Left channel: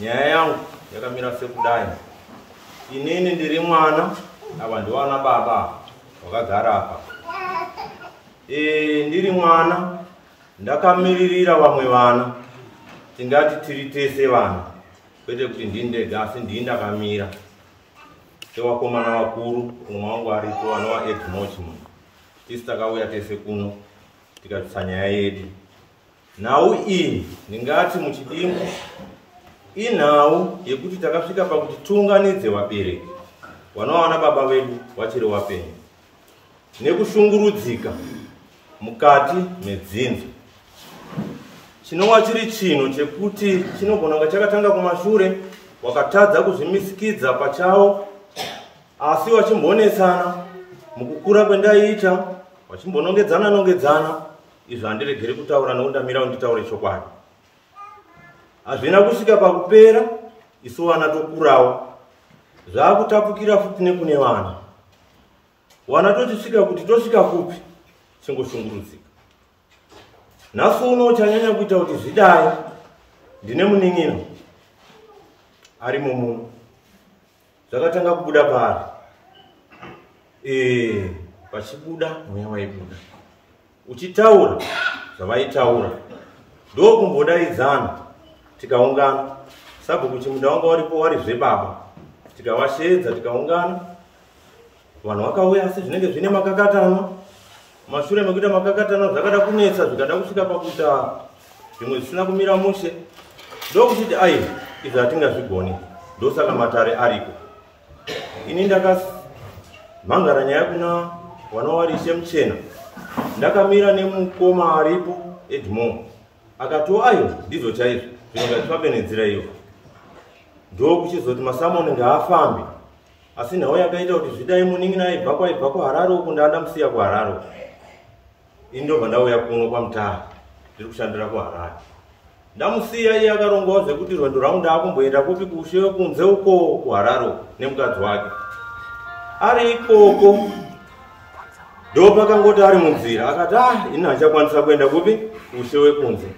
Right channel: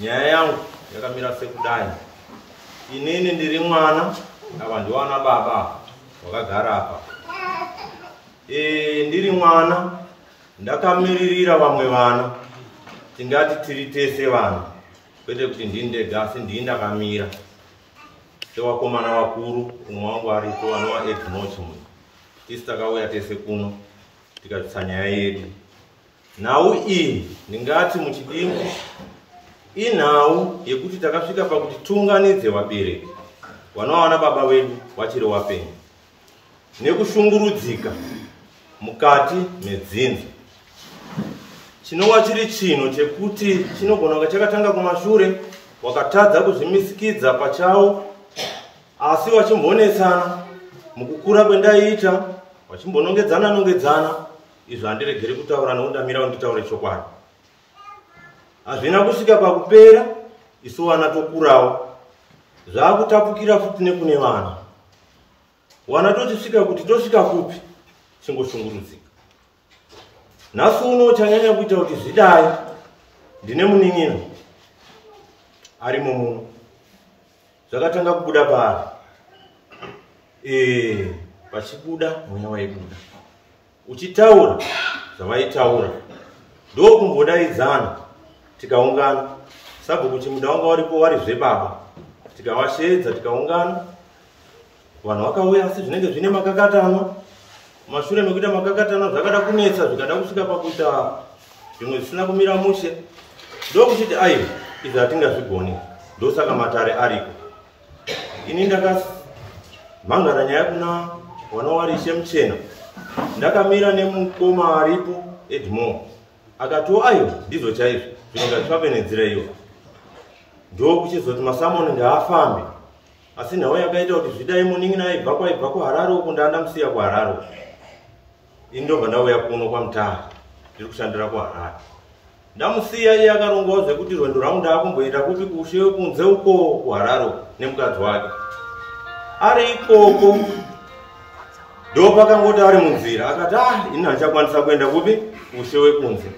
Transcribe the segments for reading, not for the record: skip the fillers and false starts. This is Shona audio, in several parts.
Nyaya yangu yakamira sekudai. Inini ndiri mwana, ava ndiwana baba wakagara apa. Ndiri mwana, ndakamiririra vamwe vana. Tingati tiri tese vana. Kwete kuti ndindega asi ndini ndakamira. Sevakomana vakuru, umwe wangu aripo anova Edmoch muno. Tisi takauya tese kuno, tikabvisa nyaya yedu. Nhau iyi ndingati muchidimbu inhau yekuti takasvika pakuti tiunganidze vabereki vanowana baba vedu vachiri vapenyu nekushungurudzika mukati medzinza. Chinova chiri chino chekuti chinogona kunge chakatanga kumashure, wakatadza kuzvimisikidza pachawo, asi vachimbonesana mukukura kwendaiita, vachimbonongedzana. Izvo handiregeri kutaura noundamira unditaure chokwadi. Hazvina kusvika pakupera, isu vana tokurawo. Zvakutapukira futi nekune vana. Vana tochisvika kuti tosvika kupi, chingoshungurudzika. Nhasi uno chanyanya kuita kuti zvidai, ndine munin'ino arimo muno. Zvakatanga kubuda pari. Pachibuda mweya waibuda. Uchitaura zvavaitaura, ndokumbodaidzana tikaungana. Sabhuku chimuda wanga waripo warizve baba, tikavashedza tikaungana. Vanhu vakauya asi zvinenge zvine makakatano. Mashure mekuita makakatano zvakada kunetsa, zvikada kusvika pakuita zvimwe zvisina kumira mushe. Ndokuchiti aiwa, izvi hatingazvigoni. Ndosaka matare ariko. Ini ndakamhangara nyaya kuna vanowarishe muchena. Ndakamira nemukoma aripo Edmoch. Akati aiwa, ndizvo chaizvo, zvinonga zvifambe nenzira iyo. Ndokuchizoti masamoni ngaafambe. Asi nhau yakaita kuti zvidai munin'ina aibva kuHarare uko ndamusiya kuHarare. Ini ndobva ndauya kuno kwaMutare, ndiri kushandira kuHarare. Ndamusiya iye akarongawo zvekuti rwendo rwangu ndaakumboenda kupi kushe kunze uko kuHarare nemukadzi wake. Ari ikoko ndopakangoti ari munzira akati ini hachakwanisa kuenda kupi kushe wekunze.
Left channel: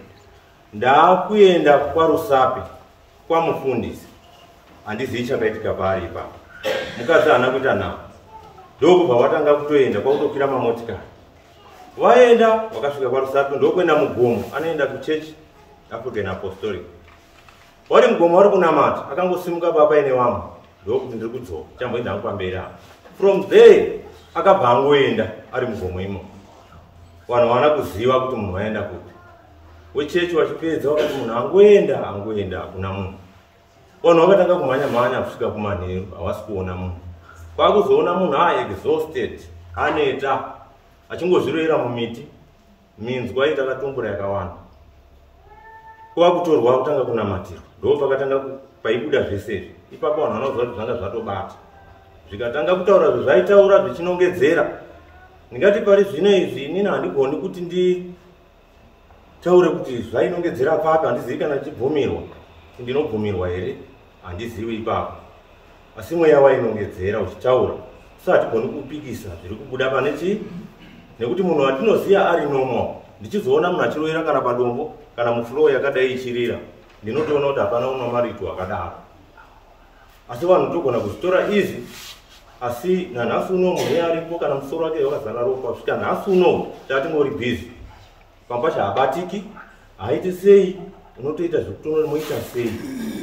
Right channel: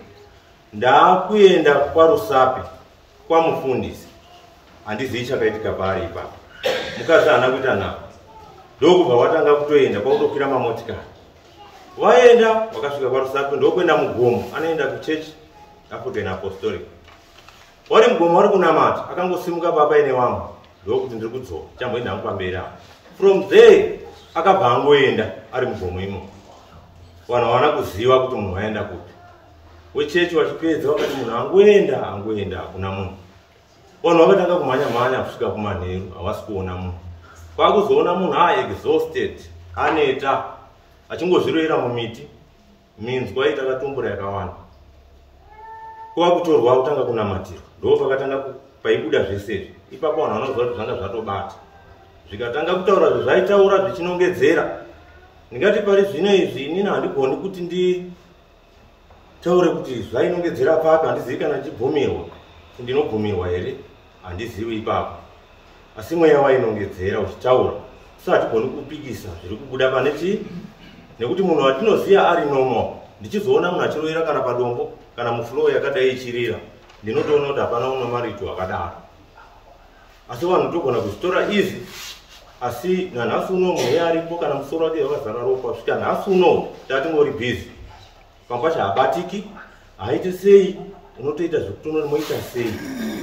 Ndaakuenda kwaRusape kwamufundisi. Handizivi chakaitika paari ipapo. Mukadzi haana kuita navo. Ndokubva watanga kutoenda kwakutokwira mamotikari. Waenda wakasvika kwaRusape ndokuenda mugomo, anoenda kuchechi African Apostolic. Wari mugomo wari kunamata, akangosimuka baba ine wamwe. Ndokuti ndiri kudzoka, chamboenda hangu pamberi apo. From there akabva angoenda ari mugomo imo. Vanhu havana kuziva kuti munhu waenda kupi. Wechechi wachipedza wakati munhu angoenda hakuna munhu. Vanhu vakatanga kumhanya kusvika kumanheru, havasi kuona munhu. Kwakuzoona munhu exhausted, aneta, achingozvirohera mumiti, minzwa itakatumbura yakawanda. Kwakutorwa kutanga kunamatirwa. Ndo pakatanga paibuda zvesezvi. Ipapo vanhu vanoziva kuti zvanga zvatobata. Zvikatanga kutaura zvaitaura zvichinongedzera. Ndingati pari zvino izvi inini handigoni kuti nditaure kuti zvainongedzera papi, handizivi kana ndichibvumirwa. Ndinobvumirwa here? Handizivi ipapo. Asi mweya wainongedzera uchitaura. Saka hatigoni kupikisa zviri kubuda pane chii? Nekuti munhu watinoziva ari normal. Ndichizoona munhu achirohera kana padombo kana mufloor yakadai ichirira, ndinotoona kuti hapana unomaritu akadaro. Asi vanhu togona kuzvitora izi. Asi nanhasi uno mweya aripo kana musoro wake wakazara ropa, kusvika nhasi uno tatingori busy. Pamba chaabatiki, haiti sei, unotoita zvekuti moita sei.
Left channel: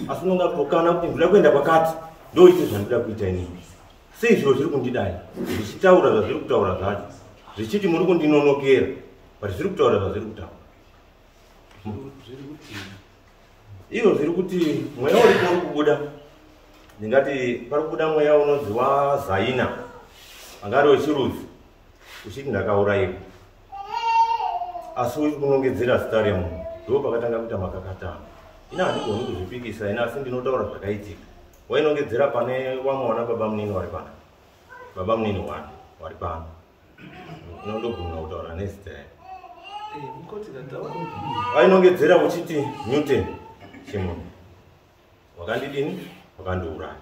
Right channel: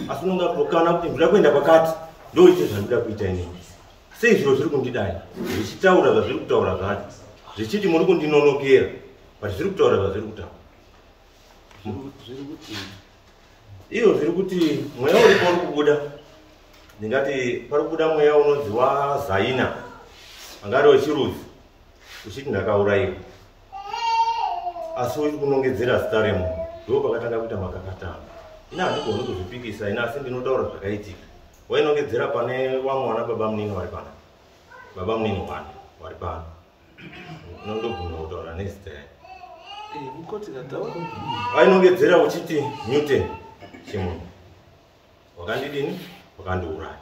Asi unonga kutokana kuti ndinoda kuenda kwakati, ndoite zvandinoda kuita inini. Sei zviro zviri kundidai, zvichitaura zvazviri kutaura zvacho. Zvichiti muri kundinonokera, but zviri kutaura zvazviri kutaura. Iyo zviri kuti mweya uripo uri kubuda. Ndingati pari kubuda mweya unoziva Zaina, angari wechirudzi, uchiti ndakaurayiwa. Asi uri kunongedzera zita remunhu. Ndo pakatanga kuita makakatano. Ina handigoni kuzvipikisa, ina asi ndinotaura zvakaitika. Wainongedzera pane vamwe vana baba munini vari pana. Baba munini vari pana. Nondogona kutaura nezita yake. Wainongedzera uchiti Newton Chimuni. Wakandidini? Wakandiuraya.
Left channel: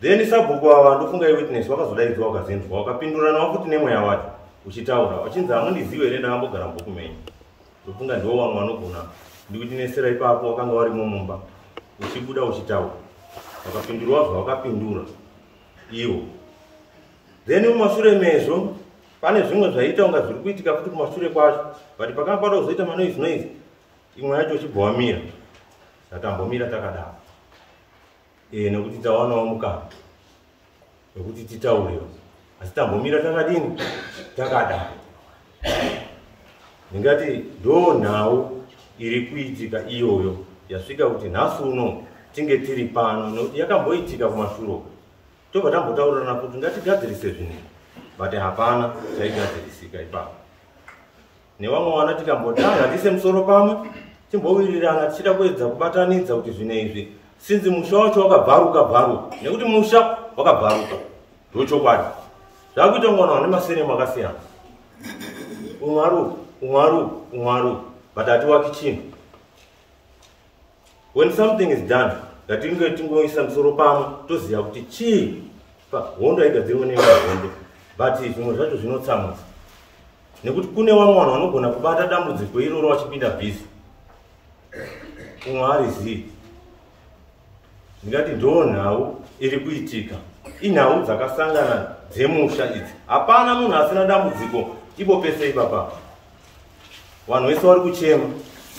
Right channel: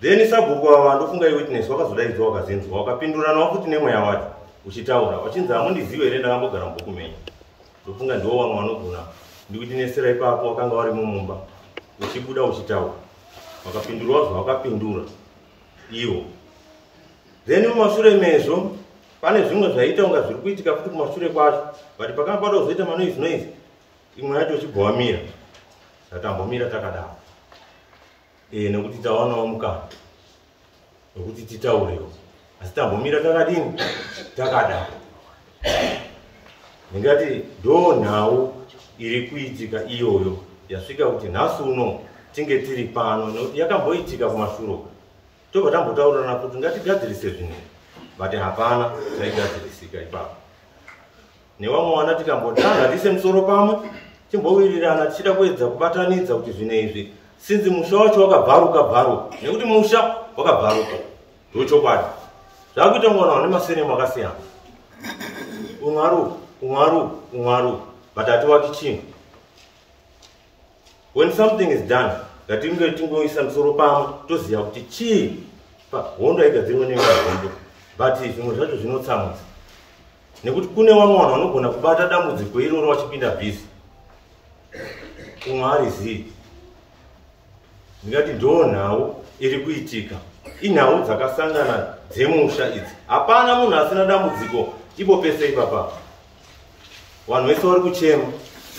Then sabhuku ava ndofunga iwitness wakazodaidzwa wakazenzwa wakapindurana futi nemweya wacho uchitaura wachinzi hamundizive here ndakambogara mubhuku menyu. Ndofunga ndiwo vamwe vanogona ndikuti nesera ipapo wakanga vari mumumba uchibuda uchitaura, wakapindura zvawakapindura iwo. Then mumashure mezvo pane zvimwe zvaita unga zviri kuitika futi kumashure kwacho, but pakanga pada kuzoita manoizvi imwe yacho chibhawamira tatambomira takadaro nekuti tawanawo mukana wekuti titaurewo, asi tambomira takadini takadaro. Ndingati ndo nhau iri kuitika iyoyo yasvika kuti nhasi uno tinge tiri pano, nekuti yakamboitika kumashure tobva tambotaurirana kuti ngatigadzirise zvinhu, but hapana chaigadzirisika ipapo. Nevamwe vana tikambotanga tise musoro pamwe timbowirirana tichida kuedza kubatanidza kuti zvinhu izvi sinzi musha wacho wakabharuka, nekuti musha wakabharuka ndochokwadi. Zvakuita kungoona nemasiremu akasiyana, umwaru but hatiwaki chinhu. When something is done, ngatinge tingoisa musoro pamwe toziva kuti chii hondo haigadzirwe neimwe hondo, but zvimwe zvacho zvinotsamwisa, nekuti kune vamwe vanhu vanogona kubata dambudziko iroro vachipinda bhizi, umwe harizii. Ndingati ndo nhau iri kuitika, inhau dzakasangana dzemusha idzi. Hapana munhu asina dambudziko ipo pese ipapa, vanhu vese vari kuchema,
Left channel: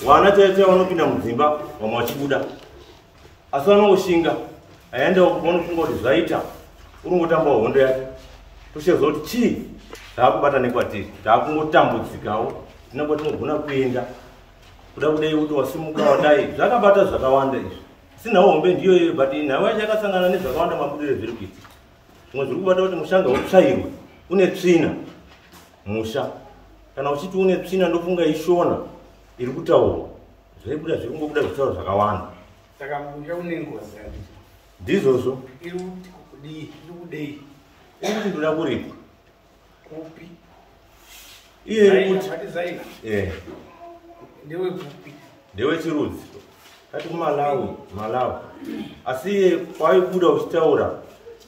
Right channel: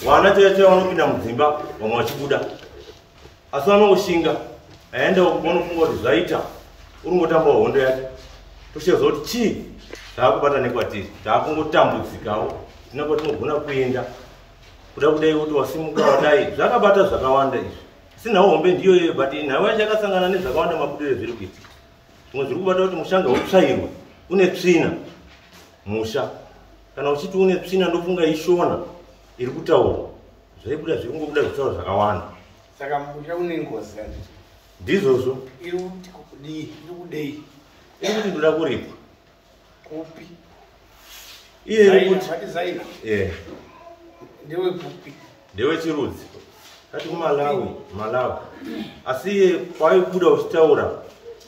vana chaicho vanopinda mudzimba vamwe vachibuda, asi vanongoshinga aenda vanofunga kuti zvaita uri ngotamba hondo yake. Tochezva kuti chii taakubata nekwatiri, taakungotambudzikawo tina kwatinogona kuenda kuda kudai kuti wasimuka wadai. Zvakabata zvakawanda izvi, asi nhau hombe ndiyo iyoyo, but nhau yacho yakasangana nezvakawanda mabudiro zviri kuitika. Zvimwe zviri kubata kuti mushanga utsvairwe, une tsvina musha, kana uchiti une tsvina ndofunga ishona iri kutaurwa, zvaibuda zviri kungobuda zvitauro zvakawanda. Saka musha une ngozi ndizvozvo iri kudei kuti ndoda kuripwa kupi iye iri kuti ndewe kupi, ndewe chirudzi ati kumalawi asi iye kwaibuda uchitaura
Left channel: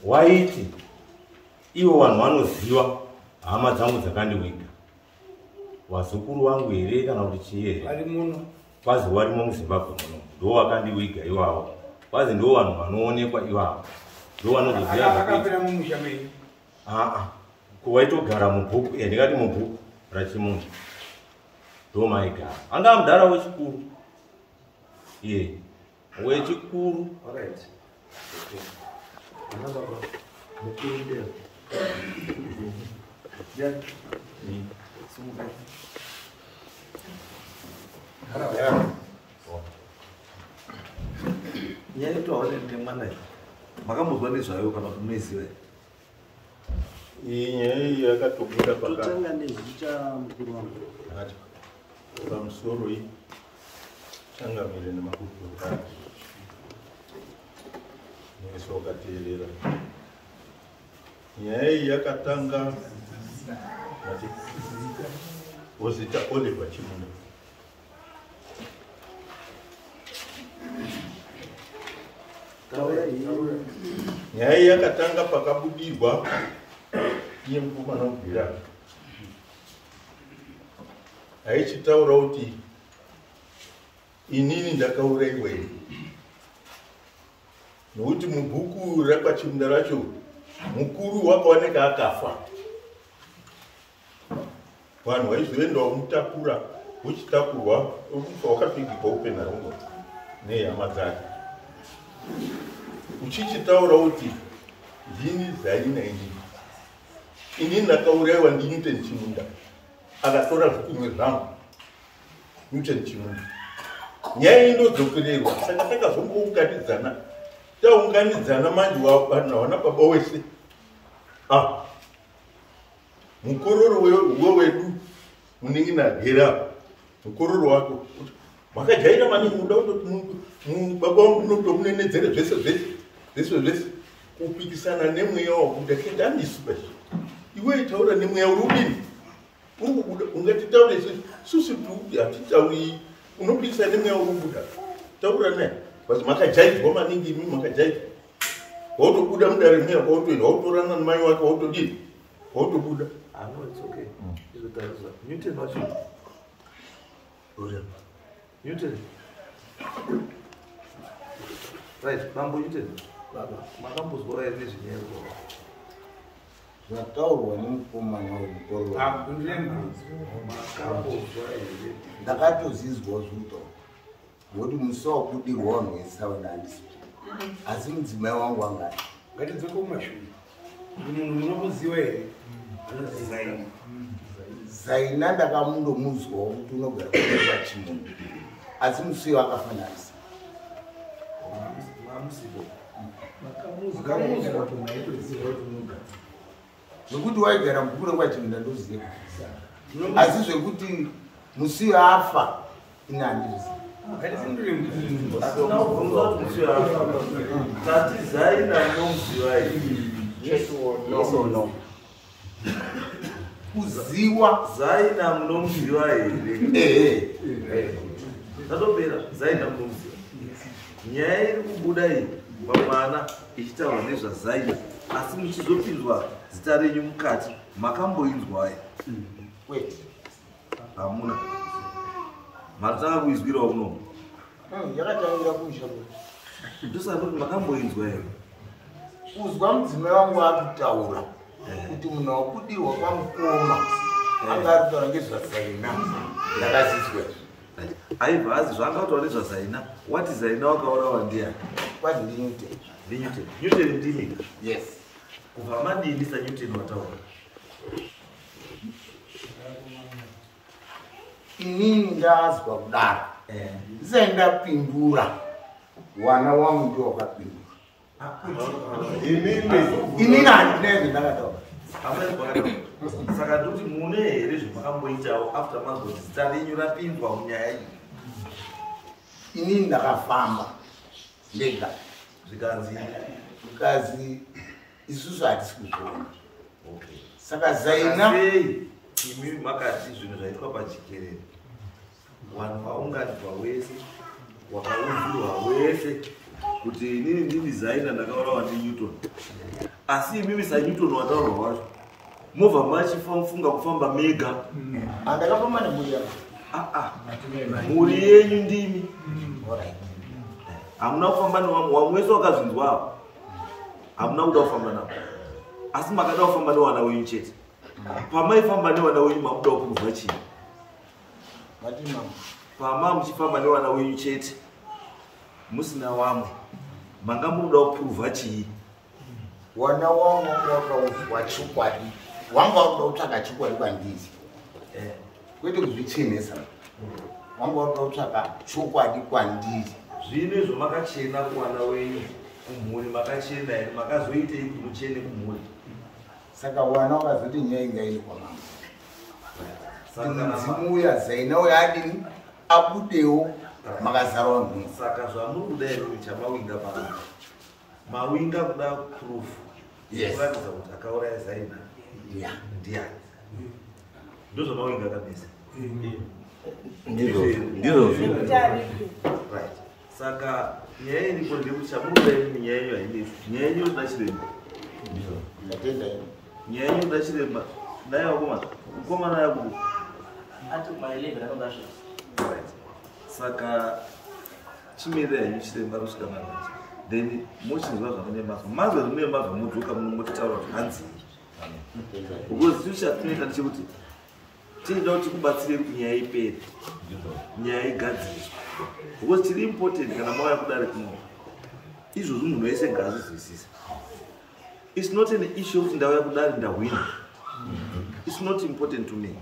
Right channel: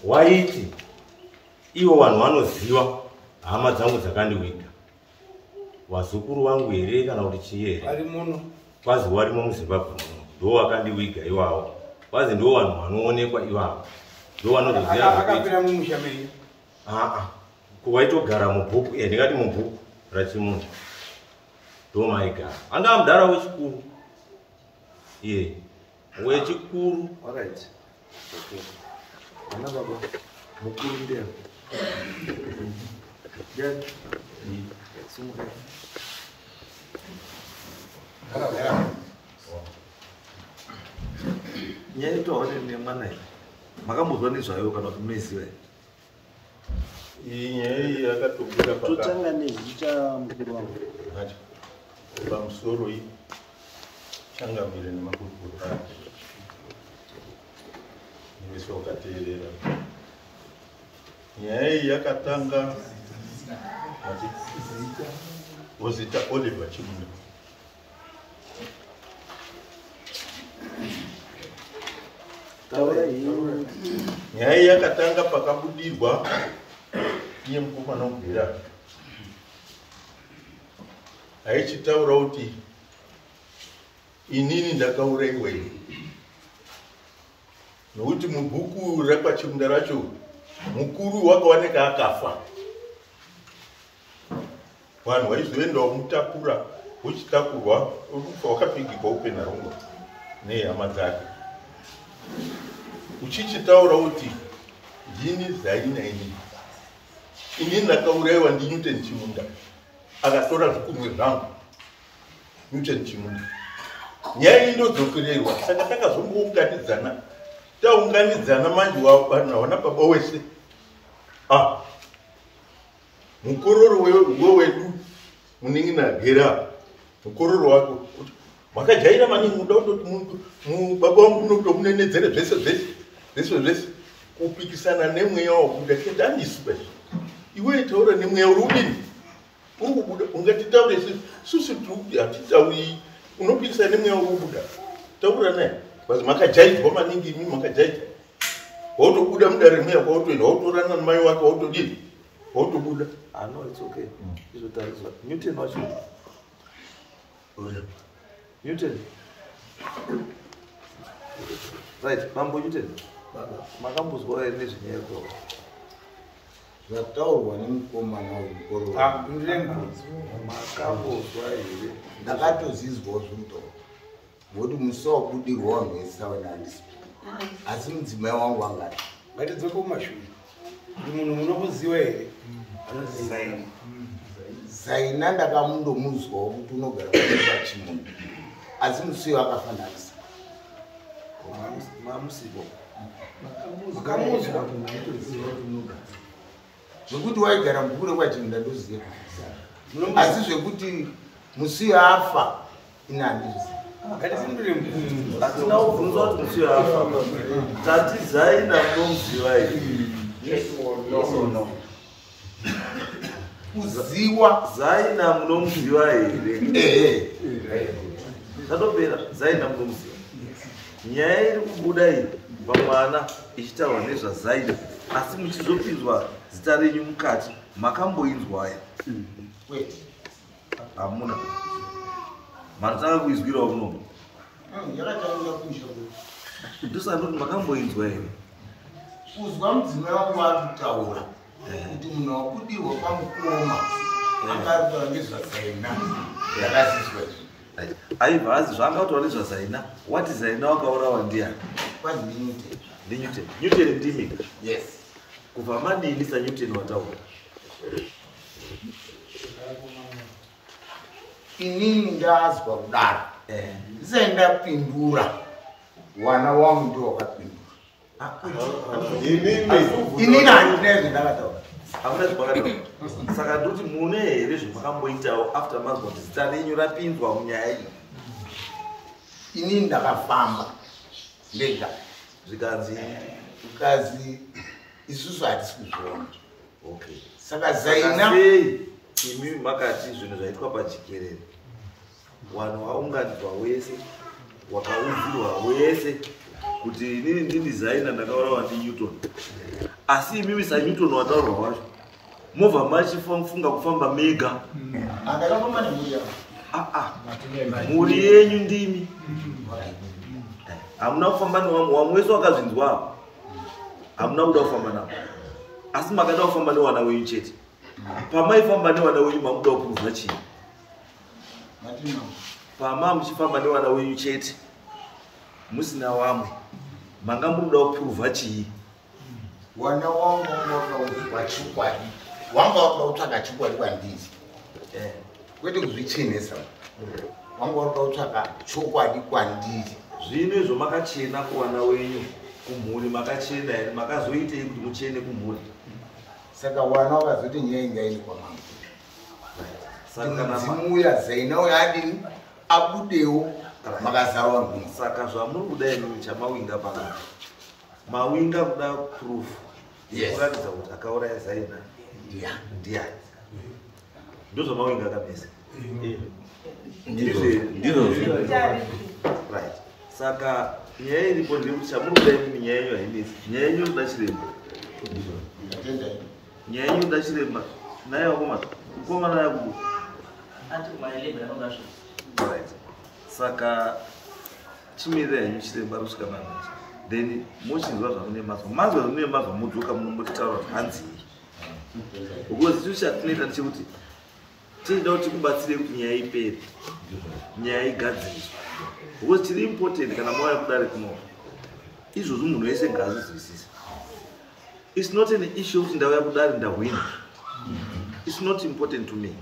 waiti ivo vanhu vanoziva hama dzangu dzakandiwiga, vazukuru vangu here kana kuti chii here, vari muno kwazi warimo muZimbabwe muno ndo wakandiwiga ivavo, kwazi ndo vanhu vanoonekwa ivavo, ndo vanozoziva akapera mumusha menyu. Kuwaitogara mubhuku, ndingati mubhuku rachimunhu ndo maigara. Anga mudhara wechikuru, wechikuru. Nyaya yetoaone nemwana iyi makamuzwa nezvayo kana kuti munoiziva? Iyi nyaya iyi yakatobuda pamusoro iyi changamire nemakurukota ake nevese vakateerera. Nyaya iyi yakatanga Ozita Oliver Chimunda. Nyaya iyi yakatanga pakabudirwa iye mukomana womubvira aichitaura kuti inini ndakaurayiwa iri, nokuti mubhuku rakwachimunda racho mukuru wakaoneka akafa. Vanhu vaizoendawo mutakura uchitakurwa urufa wakapfigirwa upenharongo nehama dzake, uchichitaura kuti ndini zaina inini ndakaurayiwa ndiNewton Chimunda, akatora zvikumwe zvangu Newton Chimunda. Nyaya iyi ndodzokererwa, saka takazongounganidzana, taunganidzana manje vanhu havana baba wese. Mukororo wewedu munenge nagera mukororo wako kuti makajaira maningi muda kutoti baba wangu unotomunenedzera zvese kupikisana nemweya wakubuda kendanisu basi. Iwe taura nemweya uri udini uri kubuda, ungatitaure susu hatitauri, unopikisana nemweya uri kubuda, taura naye basi. Makajaidzwa maningi imi, makajaidzwa wautobuda mudare mweya kwautoenda wautorana namai wake wautodini wautobuda. No, it's okay. Newton was Newton. Right, Bambo Yuten. Baba. Makambozwa ere nezvinyerwa. zvataurwa nemukomana wezvikoro Ndemba. Makambozwa ere. ndakatozizwawo zvekutaura ngokuti musi wabudirwa wanhwesa wenandisipo asi mudzimai wangu angati Ngatidze kumashure. Munhu unokuziva here? Zaini. zaina ndakamundomuzwawo kuti unogara kuimba chimunhu asi musiwo akafananisa Mamusipo. zvekuti waigara mubukure kwachimunda ndoziva asi zvekuti musiwo afa ina handizivi Ngatizindure munhu. Atina kubvunza kuti musiwo afa. Tati Zaina munomuziva ere. no kuziwa Zaina munomuziva ere. Zvatopera Zaina munomuziva. Nyaya iri kubuda iyi pamwana ichitaurwa nezvaZaina asi muchizopinzwa zita renyu mukati makamboinzwa ere. kwete Hamuna. Matanga kuizwirawo munomu. yakatangira kunja Ndosandoti makamboinzwa ere. kuzwa mudzimai wangu ari kutaura kuti munhu wabudirwa kwamukoma angari kutaura ngezvazaina yakazizwa Aibva azi zvaangataura nezvaZaina. Wati Zaina wakaurawa ndiani? kwati ndinute NdiNewton. Newton ndimi. yes Kubva madini saNewton wataura. inini ndazwa kudaro ndisati ndapindura wana wangu ndio wakapindura inini handina zvendakataura Hamuna zvakataura. Saka ndoti mune here zvamakamboitawo after manzwa kuti zita renyu rapindwa munyaya iyi. inini ndakafamba ndega Zvikanzi ukazi isusu hatisi kuzviona okay. saka zaina Sei imi makati zvinhu zvaitwa pajikerere. Wanhu waunganidzwa wese, wakaudzirwa wese kuti inini ndini Zaina ndakaurawa ndiNewton. Asi imimi saNewton wataurwa wacho. Movha machifunga kufamba mega. handakafamba nembuya Muri yenyu ndimi. Hamuna kufamba nevamwe wese wakazvinzwa. Hamuna kuda kufamba navo. Asi makada kufamba newana wenyu chete. Pamaifamba newana wenyu mamuda kupuruvha chii? Pama muchifamba newana wenyu chete musina wamwe manga munoda kupuruvha chii? wana wangu wakauzwa chokwadi wanga uda kutsvaka chokwadi kwandiri kwete kuzvichenesa wanga uda kutsvaka chokwadi kwandiri Zvino izvo makachena kuwana wenyu kumhuri makachena here makazoitei kuti muchene kumhuri? saka wana wakazoti nyaya ingaini kwamama Saka kana mudzimu uya zaina uya adini abudewo makazarwa nhunzi saka zvamuri kudai chamawinga pano mawinga kuda proof Yes. kuratidza kuti akauraya Zaina ndiani? Ndozvamawinga akanesa. Right. Saka nyaya iripo ndekuti chamuri kudai muni nyaya yenyu hainesi. Nyaya yenyu inoda chiremba. ndatenda ini Nyaya yenyu inoda chiremba. Naye wakomana mukomana yakubu. Right. Saka chimirira henyu chiremba rusvika manacho. Then mochinzwa zvamune mazwa. Mazwa zvamune mazwa mudzoka munombotaura kuti hanzi. Because chiro chatinoita ndechekuti tinoda kuti kubatsire kuti nyaya ipere. Nyaya igadziriswe. Because chiri important kana mauya kudare kuno. Izvozvo munhu wese ngaazvizwisise. It's not an issue kuti ndauya kudare ndahwina. It's not important to me.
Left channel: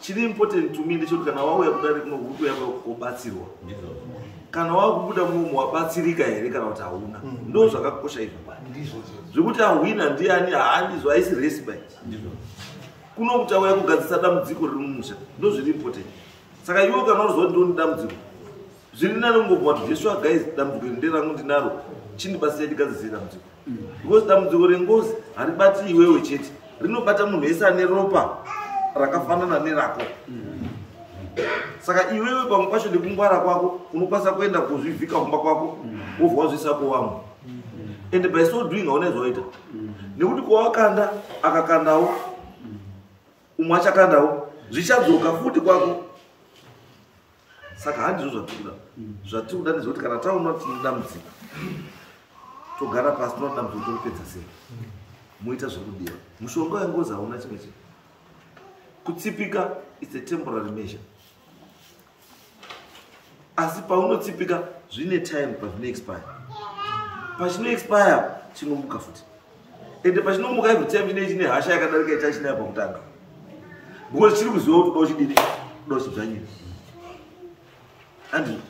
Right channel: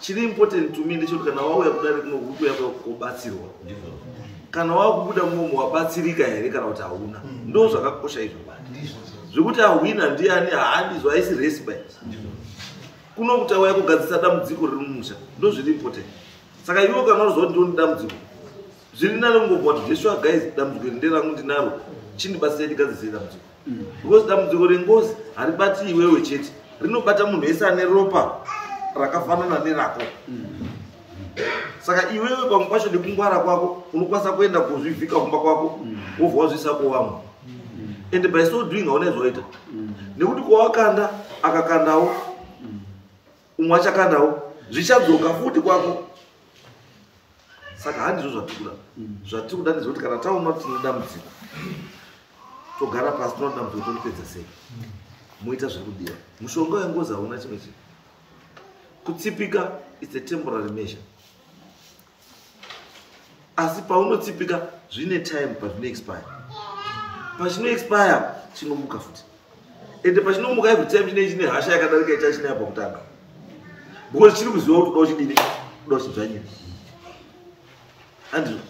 Chiri important to me ndechekuti kana wauya kudare kuno uri kuuya kobatsirwa. Kana wakubuda munomu wabatsirika here kana kuti hauna. Ndo zvakakosha izvo. Zvekuti ahwina ndiani haandizvo haisi respite. Kuno kuti auya kugadzisa dambudziko riri mumusha. Ndo zviri important. Saka iwe kana unoziva kuti ndoni dambudziko. Zviri nani kungobva kuti Joshua guys dambudziko iri nderangu ndinaro. Chindibatsira ndigadzise dambudziko. Because dambudziko rengozi haribati iwewe chete. Rinobata munhu wese ane ropa rakafanana nerako. Saka iwewe pamwe pacho nekungwara kwako unokwanisa kuenda kuzvivhika kumba kwako wobva wazvisapo wamwe. And by so doing hauna zvaita. Nekuti kwawakanda akakandawo umwe achakandawo zvichadzoka futi kwako. saka handizvo zvatiri kuda ndezvekuti kana taona kuti tinodambudziko togara pasi tinoona dambudziko toripedza sei muita zviri kudiwa. Mushonga wengozi hauna chimwe chinhu. Kutsipika is a temporary measure, asi paunotsipika zvine time pazvino expire. Pachino expire chinomuka futi, ende pachinomuka every time chine hasha yakadarika ichachina pakutanga, because chiri kuziva kuti dochidini dochidzvanyira andizvo.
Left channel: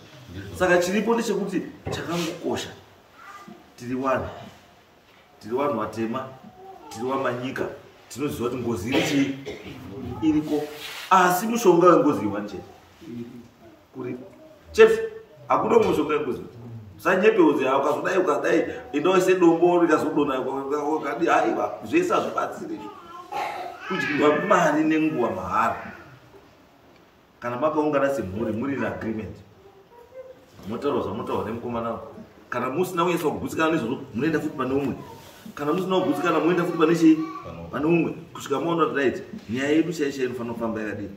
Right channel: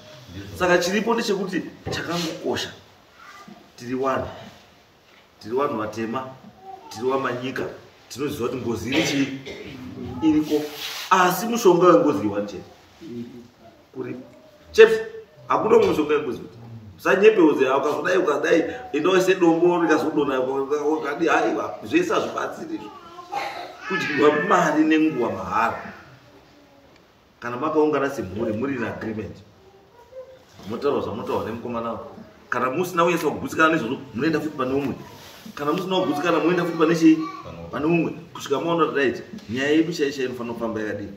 Saka chiripo ndechekuti chakangokosha tiri vanhu vatema, tiri vamanyika, tinoziva kuti ngozi iri iriko, asi mushonga wengozi iwanchete kuri chepsi. Hakuna mushonga wengozi kuti usanyepeudze ukazodai ukadai endaise dombo rikazodona ukadi haiwa zvese hazvibatsiri izvo. Kudyirwa mari nenguva mahara. Kana makaungana semhuri muri in agreement, motaura zvamotaura nemukomana, kana musina kunyasa kugutsikana nezvozvo munoenda futi pane umwe, kana musina kugutsikana munoenda futi pane chii, pane umwe, kusvika maona kuti right nyaya yedu chaicha inofanira kufamba yakadini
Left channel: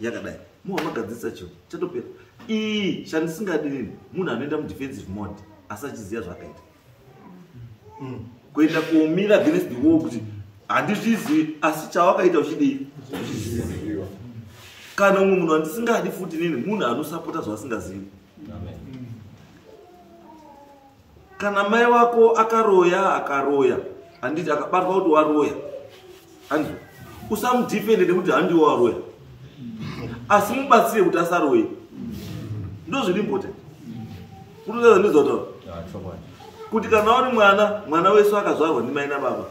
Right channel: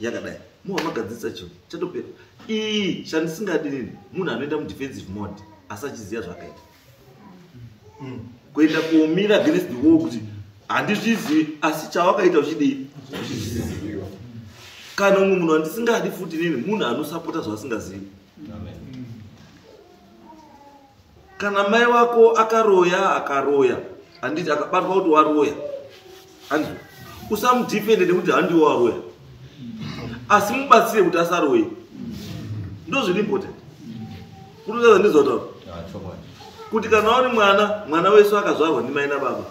yakadai. Muva magadzirisa chinhu chatopera. Iyi chandisingadini munhu anoenda mudefensive mode asachiziva zvakaita, kuenda kuomira against the wall kuti handizvizivi, asi chawakaita uchidii uchiziviwa. Kana umwe munhu andisingadi futi nini munhu anosapota zvaasingazivi. Kana mai wako akaroya handiti akabatwa kuti waroya, handizvo usamudhifende nekuti handiwo waroya, asi mubatsire kuti asaroye. Ndo zviri important kutotaza ndizotaura kuti kana uri mwana wesu akazvarwa ndimai nababa,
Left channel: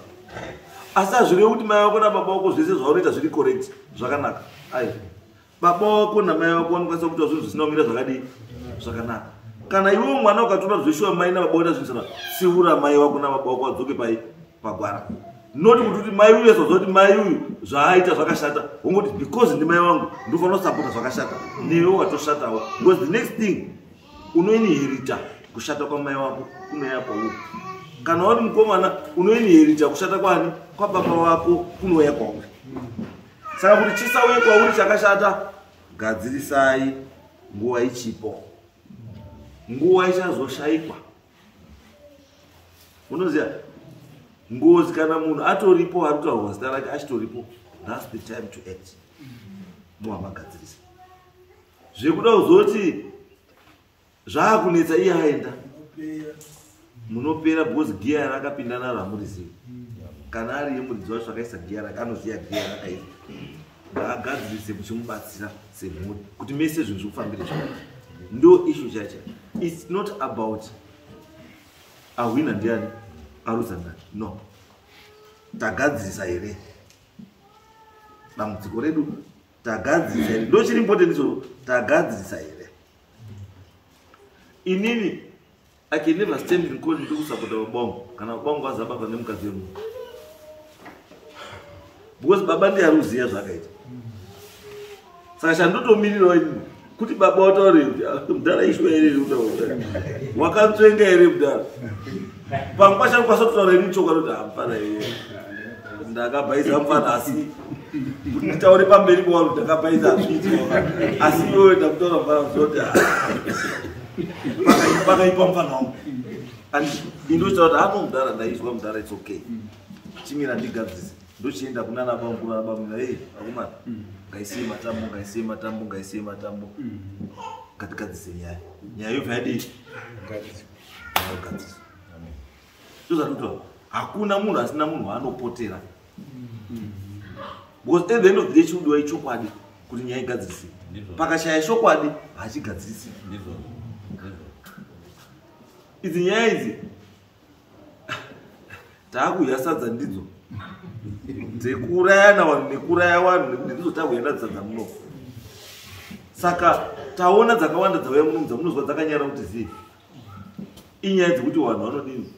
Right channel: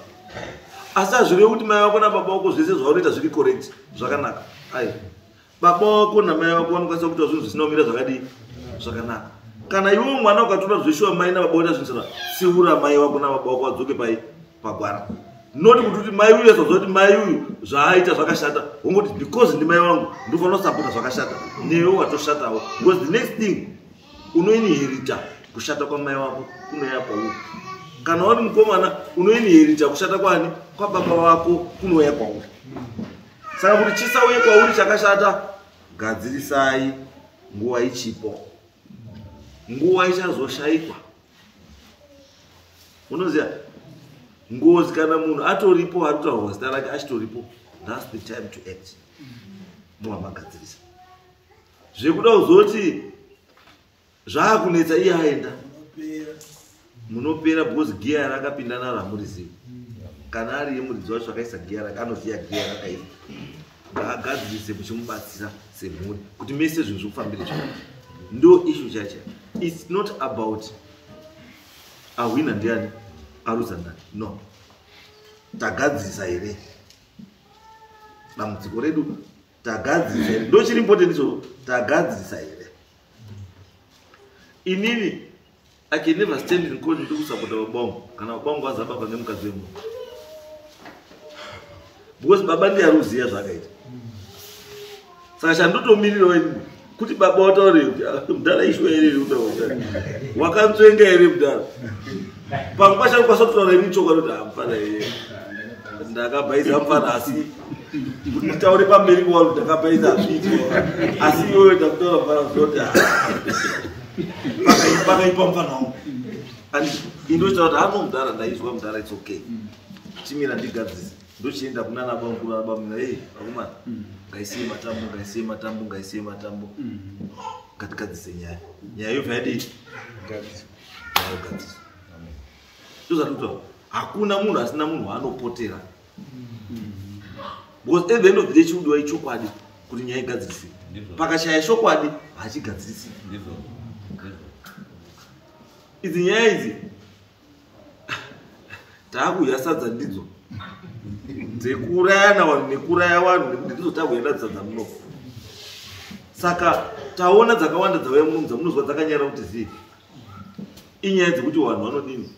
asi hazvirevi kuti mai wako nababa wako zvese zvaunoita zviri correct zvakanaka. Ai, baba wako namai wako vanokwanisa kuita zvinhu zvisina kumira zvakadii zvakanaka. Kana iwe mwana ukatoda zveshuwa mai nababa voita zvinhu zvakana, siura mai wako nababa wako vadzoke pagwara. Noti kuti mai uyu azoziva kuti mai uyu zvaaita zvakashata, wongoti because ndimai wangu ndofanira kusapota zvakashata, newe watoshatawo, because the next thing unoinherita kushata kwamai wako kunouya kwauri. Kana uri mukomana unoinherita kushata kwani kwababa wako kunouya kwauri. Saka kuti chisauye kwauri chakashata, gadzirisai nguva ichipo, nguva ichazoshayikwa. Unoziva ngozi kana munhu atoripo ari kutaurwa zita rake achitoripo, that's the time to act. Muva magadzirisa zvekuda kuzoti zvaakunetsa iye aenda munopera, because giya rakapinda naro hamurizivi. Kana ari yemuridzi wacho akaisa giya rake anoziva giya rakaiva, ngaagadzirise muchimubatsira semhuri kuti mese zvinhu zvikufambire zvakanaka. Ndo issue chacho. It's not about awina ndiani aruza ndani, no. Tagadzirisa here dambudziko redu, tagadzirisa here, ndo chiri important icho, tagadzirisa here. Inini I can never stand in court to support babongo kana babongo azababa nemukadzi wemunhu, because baba ndiye aruziya zvakaita. Saka chandotomirirawo inini kuti baba wataure kuti mudhara ishwa here utaura wakanzvenga here mudhara, pamwe pacho anokwanisa kutaura ini chokwadi kuti hamufana iye ndakabhaidza mufana, asi kuti nditaure pamberi kwanhu ndakabhaidza hazviiti, asi iwewe ndakutaura mufana kuti pakaipa mufana wangu. Indochitaura kuti hano mudhara ndaizwa mudhara, it's okay, chimira ndigadzise. Ndochienda kuna nabamukuru nabamuna, hey akomana ngaisiye matambo ngatigadzise nyaya yobvadii nyaya yogadzisa. Ndozvatutaura, hakuna munhu asina munhu waanopotera, because at the end of the day chiudiwa ichokwadi kuti nyaya igadzirisi. Pakashaya chokwadi hachigadzirisi. Idzi nyaya idzi taakuyasadza ndidzo dzekuurayana vanhu nekuraya vanhu, nekuti ndidzo takuenda dzadza muno. Saka taona dzakawanda dzauya muno dzamunozwa dzakanyara kuti zivi inyaya dzekuti vanhu vanodini,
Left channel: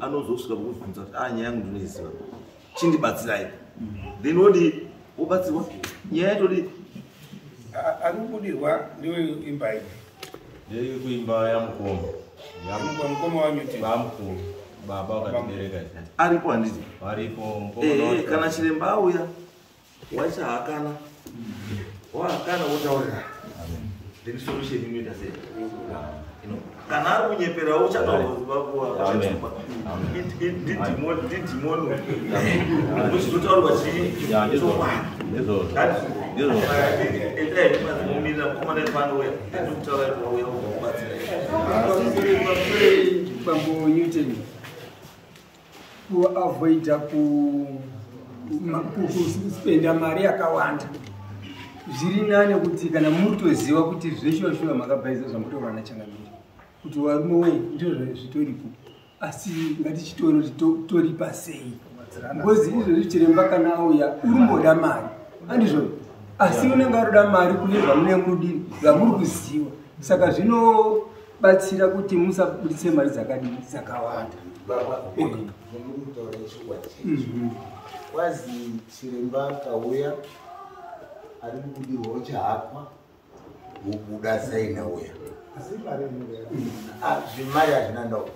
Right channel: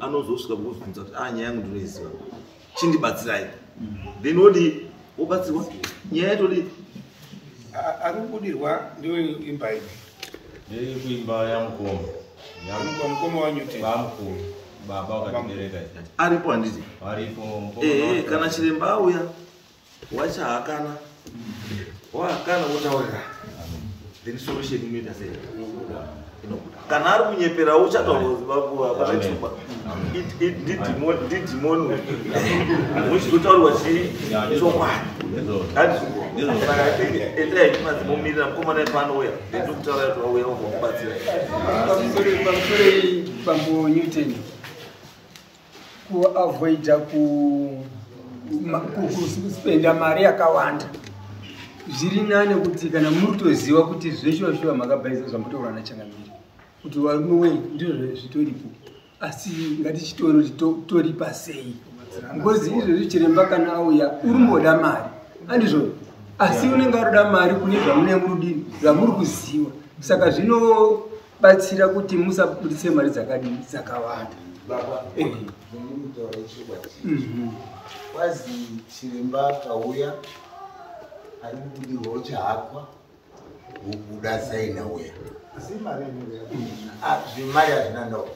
anozosvika kukubvunza kuti nyaya yangu ndinoiziva, chindibatsirai. Then wodi wobatsirwa nyaya yatodi ari kubudirwa ndiyo imba iyi ndiri kuimba yamukombo mukoma wanyuti bamukuru baba wakatibereka aripo handiti aripo. Kana chiremba auya wachahakana wotaurira then solution inoita sei kana ari munyepera uchataurwa ndidimonwe uchitotaurwa chii chokwadi endai madzimumirira mukomana epanowera ndikutaura kuti wawera unokubatsira Bambo Newton kuavoida kuspenda mari yakawanda zviri nane kuti kana muri kutoziva kuti zveshuwa makabhaisa zvambotaura nachangamiri kuti warume ndizvo zvitoripo asi ngatichitore kuti toripa sei ngozi izvozvi chiremba kana auya urimboda mari andizvo asi unenge aroda mari kune zvamunenge murudini zvamuri kuziva saka zvinobatsira kuti musabudise mari dzakawanda kwazi chiremba kauya ari kubudirwawo chahakwa wobuda saina uya zvimari hazvina ndauka